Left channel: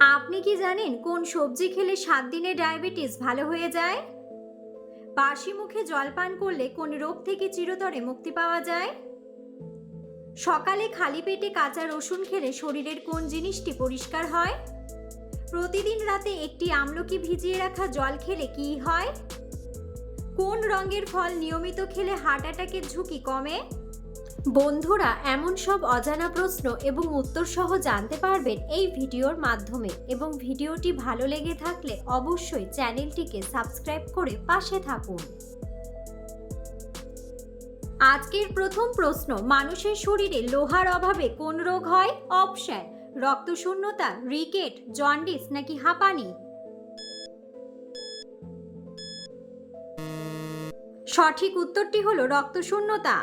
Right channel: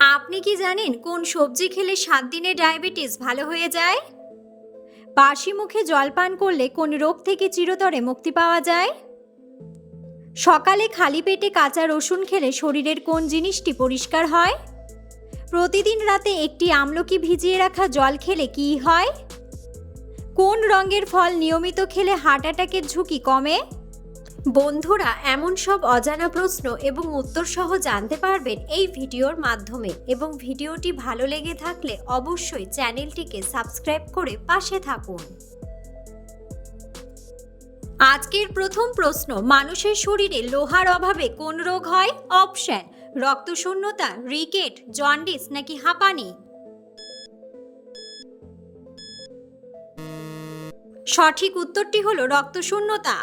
আপনি কি জানেন কোন সবজি খেলে 7 দিনে ডায়াবেটিস ভালো হয়ে যায়? বাসি মুখে জল পান করলে কোন রোগ থেকে চিরতরে মুক্তি পাওয়া যায়? সকালে খালি পেটে কাঁচা রসুন খেলে শরীরের কোন জিনিসটি পরিষ্কার হয়? প্রতিদিন রাতে একটি আমলকি ভিজিয়ে রাখা জল খেলে কি হয়? কোন রঙের ফল নিয়মিত খেলে হার্ট অ্যাটাকের ঝুঁকি কমে? বন্ধুরা, এমন সব অজানা প্রশ্ন এবং উত্তর সহ জানতে পারবেন এই ভিডিওর মাধ্যমে, এবং ভিডিওটি ভালো লেগে থাকলে অবশ্যই চ্যানেলটিকে সাবস্ক্রাইব করে পাশে থাকুন। আজকের প্রথম প্রশ্ন, মানুষের শরীরে লোহার অভাবে কোন রোগ হয়? অপশন: রক্তশূন্যতা, রিকেট, জন্ডিস নাকি হাঁপানি। সঠিক উত্তরটি হলো রক্তশূন্যতা।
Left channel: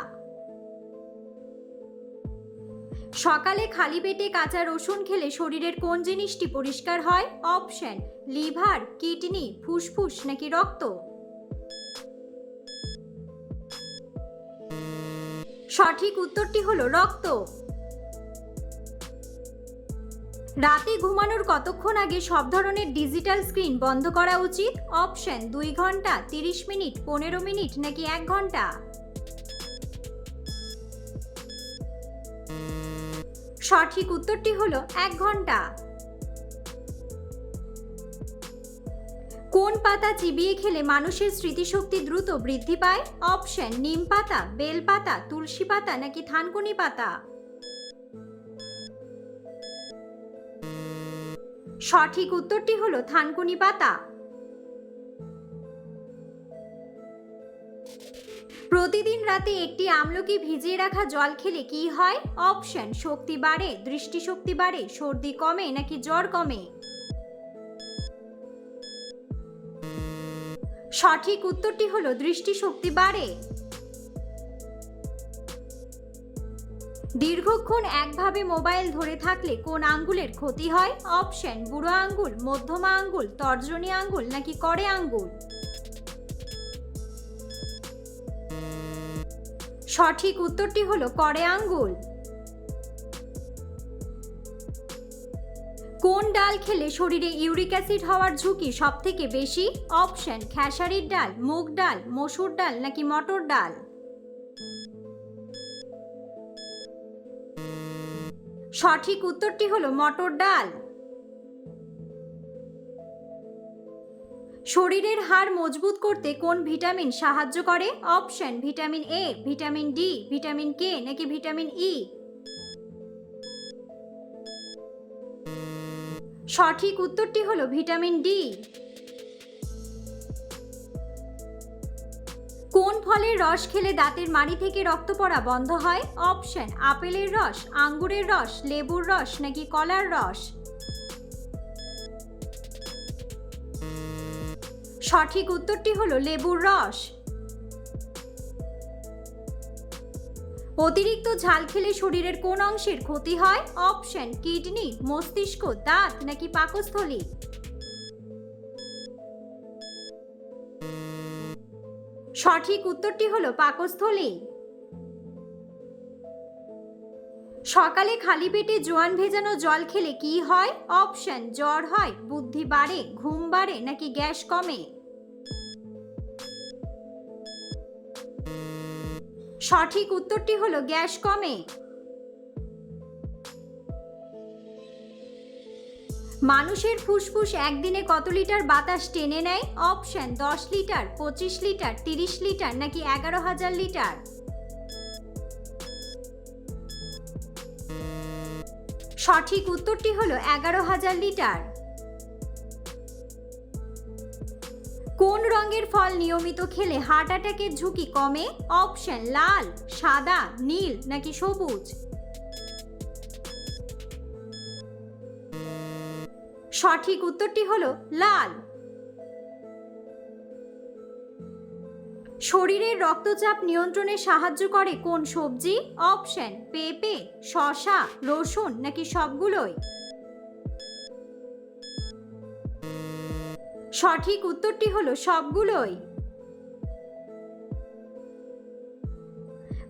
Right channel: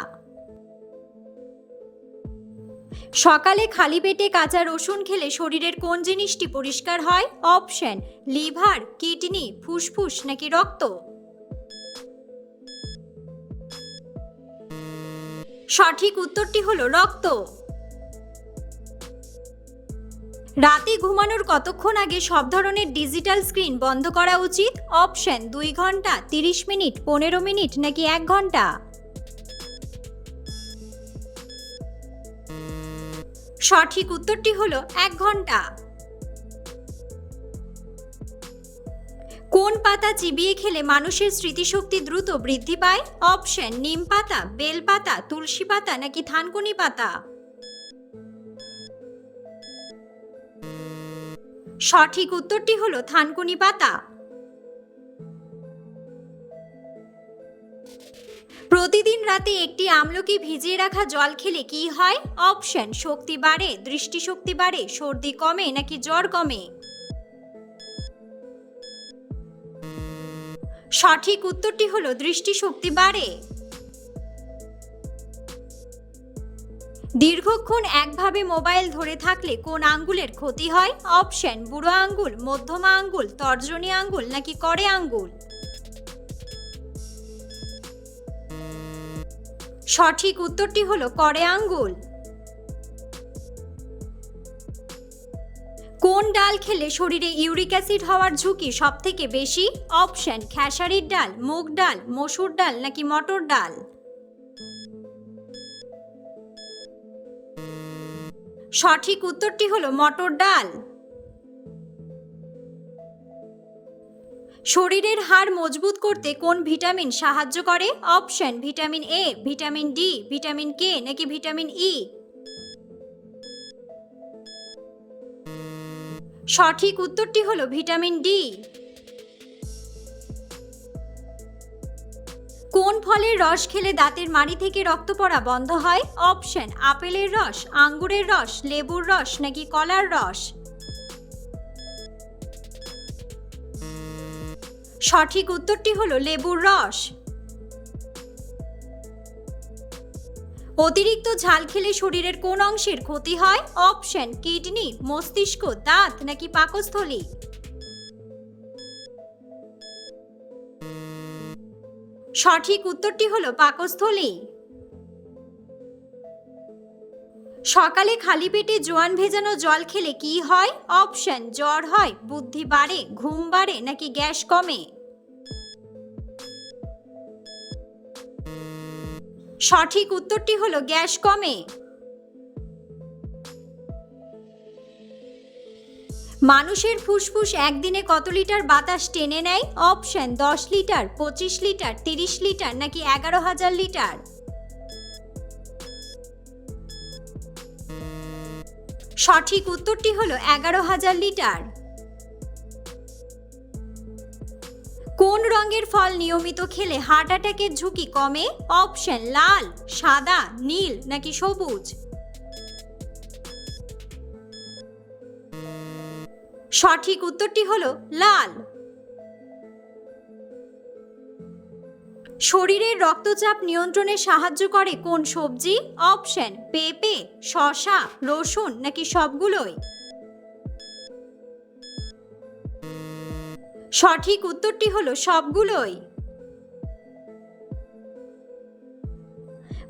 সকালে খালি পেটে কাঁচা রসুন খেলে শরীরের কোন জিনিসটি পরিষ্কার হয়? অপশন: লিভার, কিডনি, ফুসফুস নাকি রক্ত। সঠিক উত্তরটি হলো রক্ত। রাতে ঘুমানোর কতক্ষণ আগে সব ধরনের ডিজিটাল স্ক্রিন বন্ধ করা উচিত? অপশন: 2 ঘন্টা, 30 মিনিট, 15 মিনিট নাকি 1 ঘন্টা। সঠিক উত্তরটি হলো 1 ঘন্টা। কোন পাতা চিবিয়ে খেলে মানুষের স্মৃতিশক্তি দ্রুত বৃদ্ধি পায়? অপশন: নিম পাতা, বেল পাতা, তুলসী পাতা নাকি থানকুনি পাতা। সঠিক উত্তরটি হলো থানকুনি পাতা। প্রতিদিন রাতে একটি আমলকি ভিজিয়ে রাখা জল খেলে কি হয়? অপশন: শক্তি বাড়ে, দৃষ্টিশক্তি বাড়ে, সর্দি কমে নাকি জ্বর কমে। সঠিক উত্তরটি হলো দৃষ্টিশক্তি বাড়ে। দীর্ঘক্ষণ একভাবে মোবাইল ধরে থাকলে কোন আঙ্গুলের ক্ষতি হয়? অপশন: বুড়ো আঙ্গুল, মধ্যমা আঙ্গুল, তর্জনী আঙ্গুল নাকি কড়ে আঙ্গুল। সঠিক উত্তরটি হলো কড়ে আঙ্গুল। কোন ডাল খেলে শরীরে ইউরিক অ্যাসিড হওয়ার ঝুঁকি সবথেকে বেশি? অপশন: খেসারির ডাল, মুগ ডাল, মসুর ডাল নাকি মটর ডাল। সঠিক উত্তরটি হলো মটর ডাল। শরীরের হাড় মজবুত করতে কোন ভিটামিন সাহায্য করে? Option: vitamin A, vitamin D, vitamin K নাকি ভিটামিন ই। সঠিক উত্তরটি হলো ভিটামিন ডি। কোন ফলের রস খেলে দাঁতের মাড়ি থেকে রক্ত পড়া বন্ধ হয়? অপশন: আপেলের রস, আঙ্গুরের রস, লেবুর রস নাকি কলার রস। সঠিক উত্তরটি হলো লেবুর রস। অতিরিক্ত ঝাল খেলে শরীরের কোন অংশের ক্ষতি হয়? অপশন: কিডনি, মস্তিষ্ক, দাঁত নাকি পাকস্থলী। সঠিক উত্তরটি হলো পাকস্থলী। সকালে খালি পেটে জোয়ান ভেজানো জল খেলে কি হয়? অপশন: জ্বর হয়, বুদ্ধি বাড়ে, ঘুম বাড়ে নাকি গ্যাস কমে। সঠিক উত্তরটি হলো গ্যাস কমে। মানুষের ফুসফুস একদিনে কত লিটার বাতাস টেনে নেয়? অপশন: 10 লিটার, 25 লিটার, 30 লিটার নাকি 11,000 লিটার। সঠিক উত্তরটি হলো 11,000 লিটার। কোন রঙের ফল নিয়মিত খেলে হার্ট অ্যাটাকের ঝুঁকি কমে? অপশন: লাল, সাদা, নীল নাকি সবুজ। সঠিক উত্তরটি হলো লাল। শরীরের রক্তচাপ নিয়ন্ত্রণে সাহায্য করে কোন সবজি? অপশন: পেঁপে, শসা, রসুন নাকি সবগুলোই। সঠিক উত্তরটি হলো সবগুলোই।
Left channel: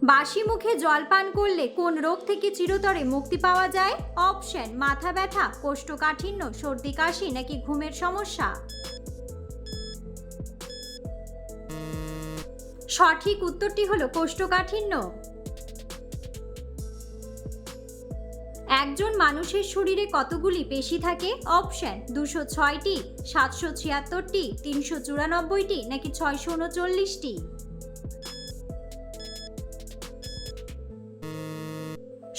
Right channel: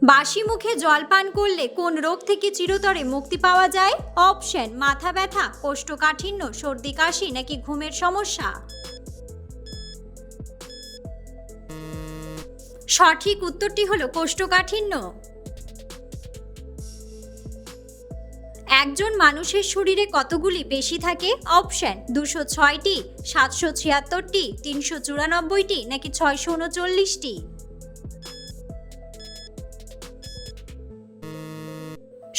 বাসি মুখে জল পান করলে কোন রোগ থেকে চিরতরে মুক্তি পাওয়া যায়? অপশন মাথা ব্যথা, কোষ্ঠকাঠিন্য, সর্দি কাশি নাকি ঘুমের সমস্যা। সঠিক উত্তরটি হলো কোষ্ঠকাঠিন্য। একজন মানুষের শরীরে কতগুলি পেশি থাকে? অপশন 206টি, 776টি, 394টি নাকি 639টি।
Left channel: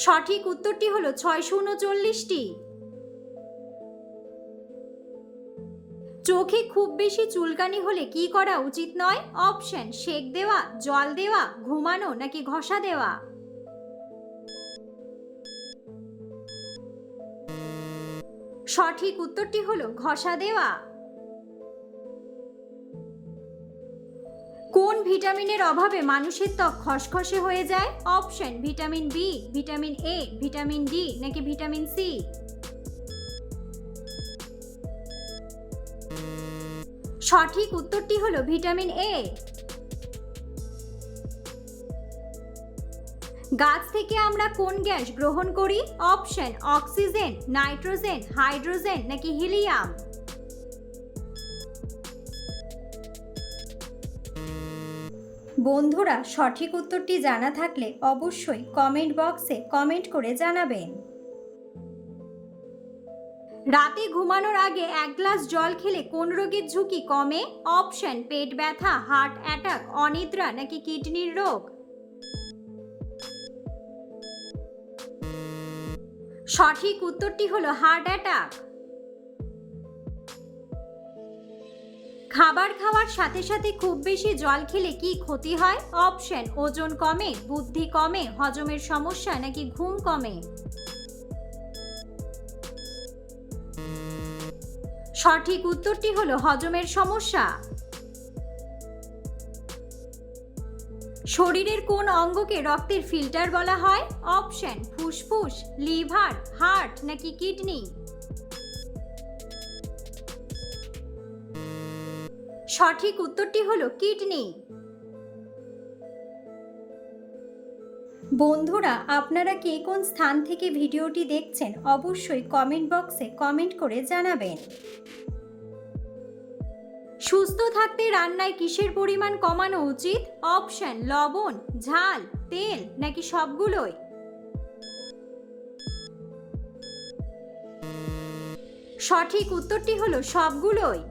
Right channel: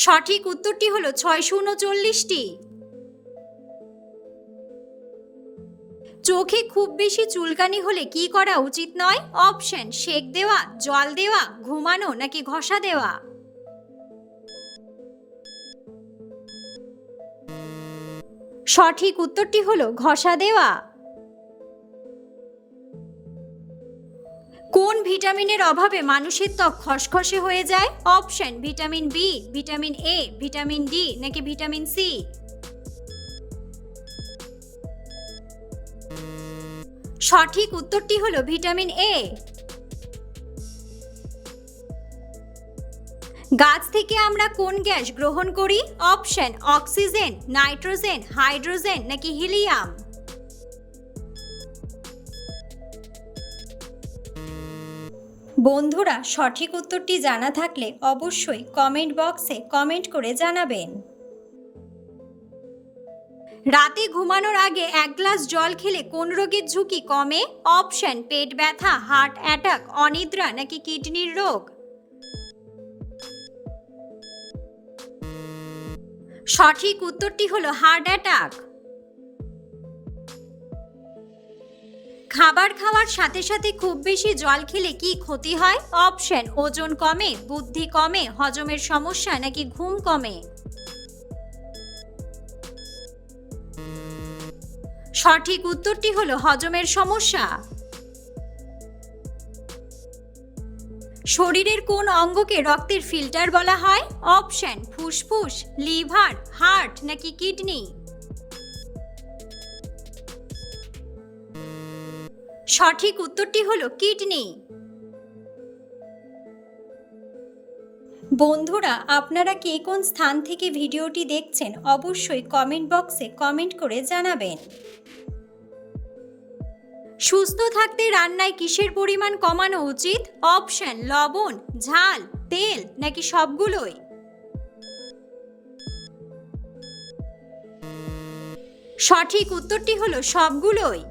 সঠিক উত্তরটি হলো 639টি। চোখে খুব বেশি চুলকানি হলে কি করা উচিত নয়? অপশন সেক দেওয়া, জল দেওয়া, ঘুমানো নাকি ঘষা দেওয়া। সঠিক উত্তরটি হলো ঘষা দেওয়া। কোন ভিটামিনের অভাবে মানুষের ত্বক খসখসে হয়ে যায়? Option vitamin B, vitamin A, vitamin D নাকি ভিটামিন সি। সঠিক উত্তরটি হলো ভিটামিন এ। গাছ থেকে আমরা কোন গ্যাস গ্রহণ করি? অপশন অক্সিজেন, নাইট্রোজেন, হাইড্রোজেন নাকি হিলিয়াম। বন্ধুরা, সঠিক উত্তরটি জানা থাকলে অবশ্যই কমেন্ট বক্সে কমেন্ট করে জানাবেন। রাতে ঘুমানোর আগে 1 গ্লাস জল খেলে কোন রোগের ঝুঁকি কমে? অপশন পেট ব্যথা, হার্ট অ্যাটাক, অনিদ্রা নাকি কিডনির রোগ। সঠিক উত্তরটি হলো হার্ট অ্যাটাক। খাবার খাওয়ার সাথে সাথে খুব বেশি জল খেলে কি ক্ষতি হয়? অপশন ওজন কমে, বুদ্ধি কমে, হজমের সমস্যা নাকি ঘুম কমে। সঠিক উত্তরটি হলো হজমের সমস্যা। শরীরের কোন অঙ্গকে রক্তের ফিল্টার বলা হয়? অপশন ফুসফুস, লিভার, হার্ট নাকি কিডনি। সঠিক উত্তরটি হলো কিডনি। বন্ধুরা, আপনারা কে কোন স্থান থেকে ভিডিওটি দেখছেন অবশ্যই কমেন্ট বক্সে কমেন্ট করে জানাবেন। সুস্থ থাকতে রান্নায় কিসের পরিমাণ কমানো উচিত? অপশন লবণ, ঝাল, তেল নাকি সবগুলোই। সঠিক উত্তরটি হলো সবগুলোই।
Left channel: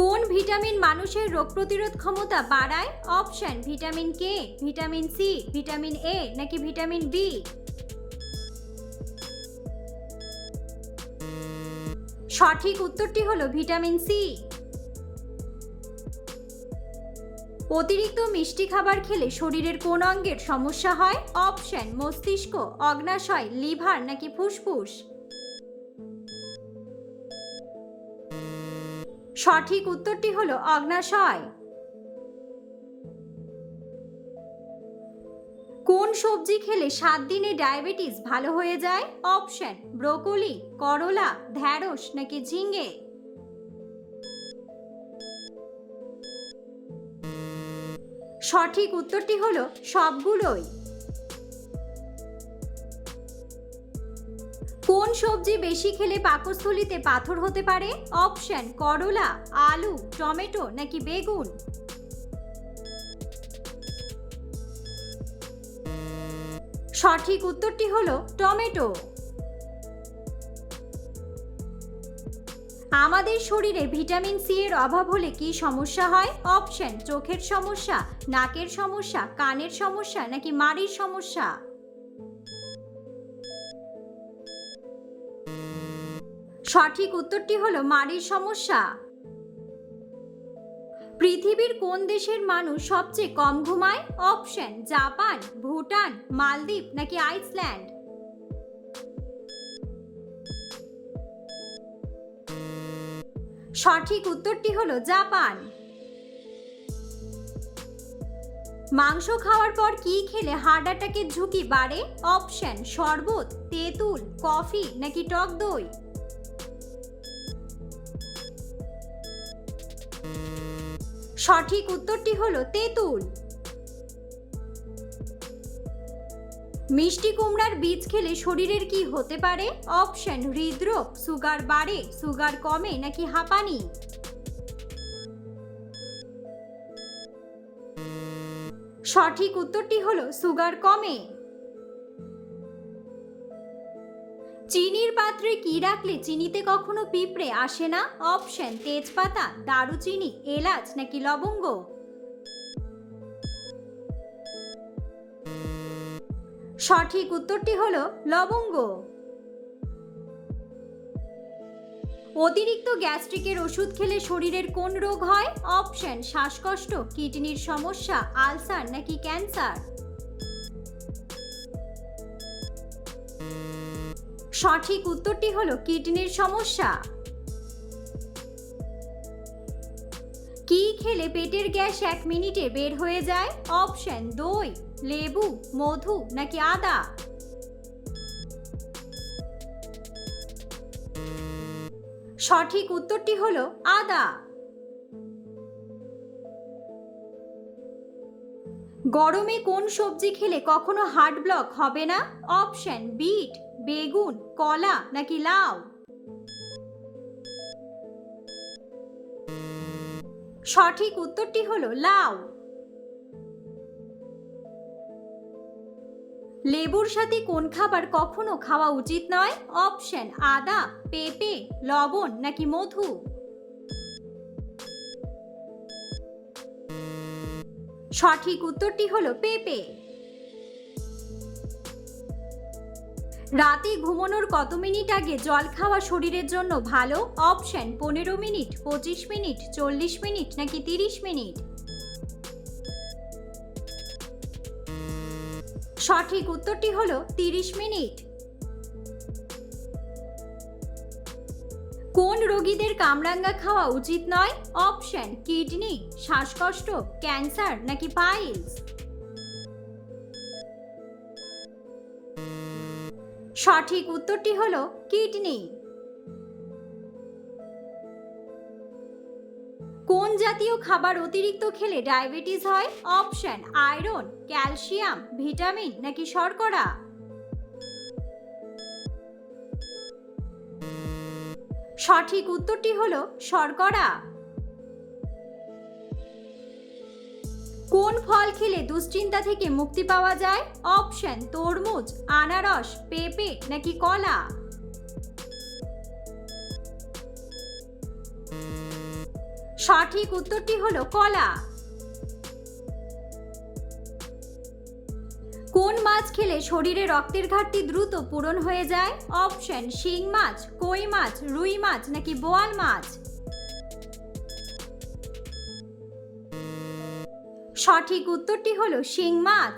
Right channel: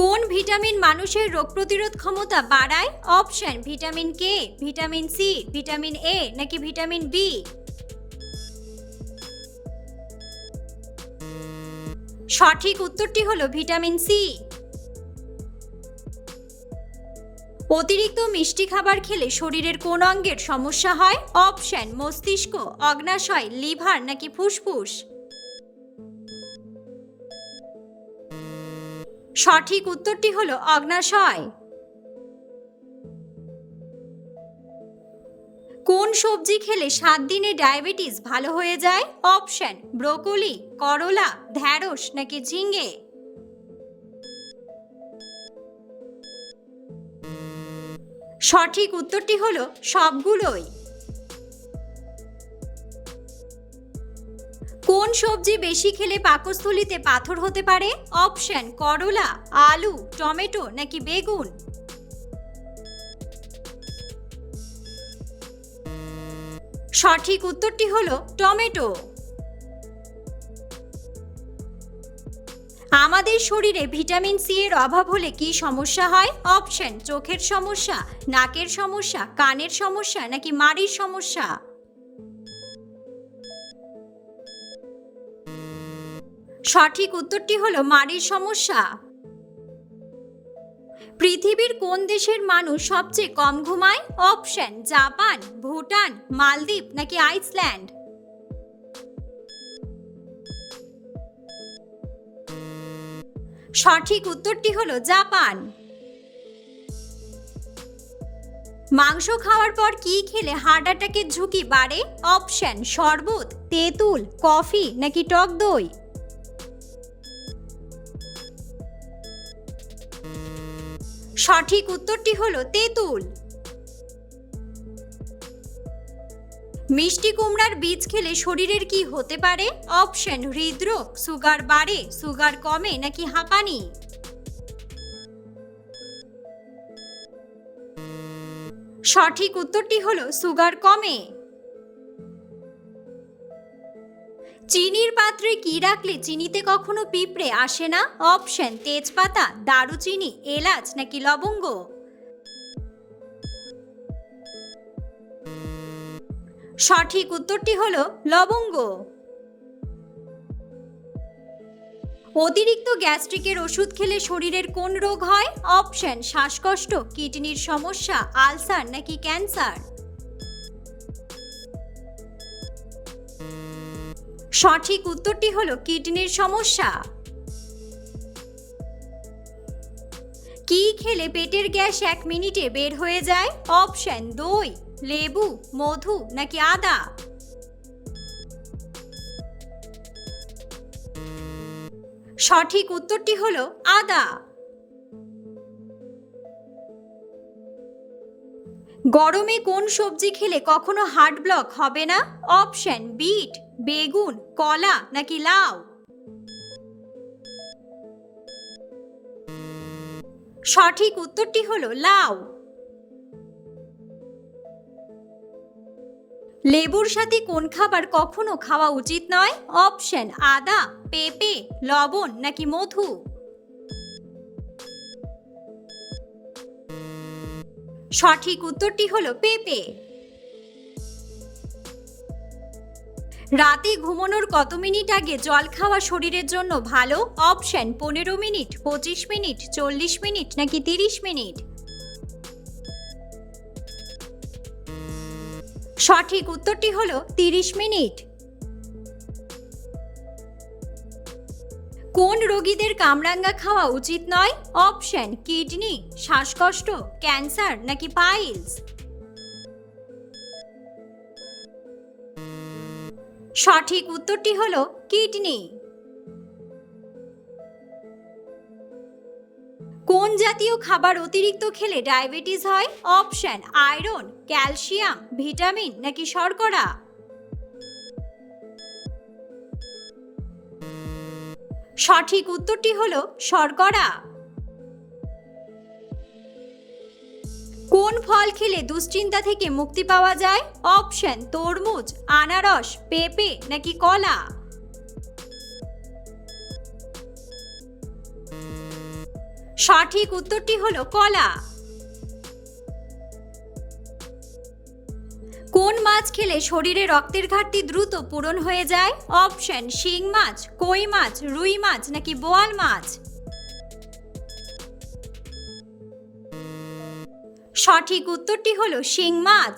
কোন ভিটামিন মানুষের রোগ প্রতিরোধ ক্ষমতা বাড়ায়? Option vitamin K, vitamin C, vitamin A নাকি ভিটামিন বি। সঠিক উত্তরটি হলো ভিটামিন সি। অতিরিক্ত মিষ্টি খাবার খেলে শরীরের কোন অঙ্গের সমস্যা হয়? অপশন মস্তিষ্ক, অগ্ন্যাশয়, লিভার নাকি ফুসফুস। সঠিক উত্তরটি হলো অগ্ন্যাশয়। কোন সবজি খেলে 7 দিনে ডায়াবেটিস ভালো হয়ে যায়? অপশন ব্রোকলি, করলা, ঢ্যাঁড়স নাকি ঝিঙ্গে। সঠিক উত্তরটি হলো সবগুলোই। কোন সবজি বেশি খেলে পাকস্থলীতে পাথর হতে পারে? অপশন করলা, আলু, টমেটো নাকি বেগুন। সঠিক উত্তরটি হলো টমেটো। আমাদের শরীরে ভিটামিন সি এর অভাব হলে কি সমস্যা হয়? অপশন চোখের সমস্যা, নাকের সমস্যা, কানের সমস্যা নাকি মাড়ির সমস্যা। সঠিক উত্তরটি হলো মাড়ির সমস্যা। পৃথিবীর কোন দেশের মানুষ সবচেয়ে কম ঘুমায়? অপশন জাপান, ভুটান, মালদ্বীপ নাকি আইসল্যান্ড। সঠিক উত্তরটি হলো জাপান। মাংস খাওয়ার পর কি খেলে হার্ট অ্যাটাকের ঝুঁকি বাড়ে? অপশন শরবত, তেঁতুল, কফি নাকি টক দই। সঠিক উত্তরটি হলো তেঁতুল। মিষ্টি কুমড়ার বীজ খেলে শরীরের কি হতে পারে? অপশন হৃদরোগ, সুগার বাড়ে, সুগার কমে নাকি হাঁপানি। সঠিক উত্তরটি হলো সুগার কমে। চিনির পাত্রে কি রাখলে চিনিতে কখনো পিঁপড়ে আসে না? অপশন তেজপাতা, দারুচিনি, এলাচ নাকি লবঙ্গ। সঠিক উত্তরটি হলো লবঙ্গ। অতিরিক্ত গ্যাস্ট্রিকের ওষুধ খেলে শরীরের কোন রোগ হয়? অপশন শ্বাসকষ্ট, কিডনির সমস্যা, আলসার নাকি ক্যান্সার। সঠিক উত্তরটি হলো কিডনির সমস্যা। কি খেলে পেটের গ্যাস 1 মিনিটে বের হয়ে যায়? অপশন দই, লেবু, মধু নাকি আদা। সঠিক উত্তরটি হলো আদা। গরমে কোন সবজি খেলে কখনো হার্ট ব্লক হবে না? অপশন বিট, বেগুন, কলা নাকি লাউ। সঠিক উত্তরটি হলো লাউ। লেবুর সাথে কোন খাবার কখনো খাওয়া উচিত নয়? অপশন আদা, পেঁপে, লবণ নাকি মধু। সঠিক উত্তরটি হলো পেঁপে। রাতে ঘুমানোর কত মিনিট আগে জল খাওয়া শরীরের জন্য ভালো? অপশন 15 মিনিট, 25 মিনিট, 40 মিনিট নাকি 30 মিনিট। সঠিক উত্তরটি হলো 30 মিনিট। কোন রোগীদের কামরাঙ্গা খাওয়া উচিত নয়? অপশন কিডনি, শ্বাসকষ্ট, ক্যান্সার নাকি পাইলস। সঠিক উত্তরটি হলো কিডনি। কোন জাতীয় খাবার অতিরিক্ত খেলে ডায়াবেটিস হয়? অপশন আয়রন, ক্যালসিয়াম, ভিটামিন নাকি শর্করা। সঠিক উত্তরটি হলো শর্করা। কোন ফল খেলে দুশ্চিন্তা থেকে মুক্তি পাওয়া যায়? অপশন তরমুজ, আনারস, পেঁপে নাকি কলা। সঠিক উত্তরটি হলো কলা। কোন মাছ খেলে শরীরে রক্তের ঘাটতি দ্রুত পূরণ হয়ে যায়? অপশন শিং মাছ, কই মাছ, রুই মাছ নাকি বোয়াল মাছ। সঠিক উত্তরটি হলো শিং মাছ।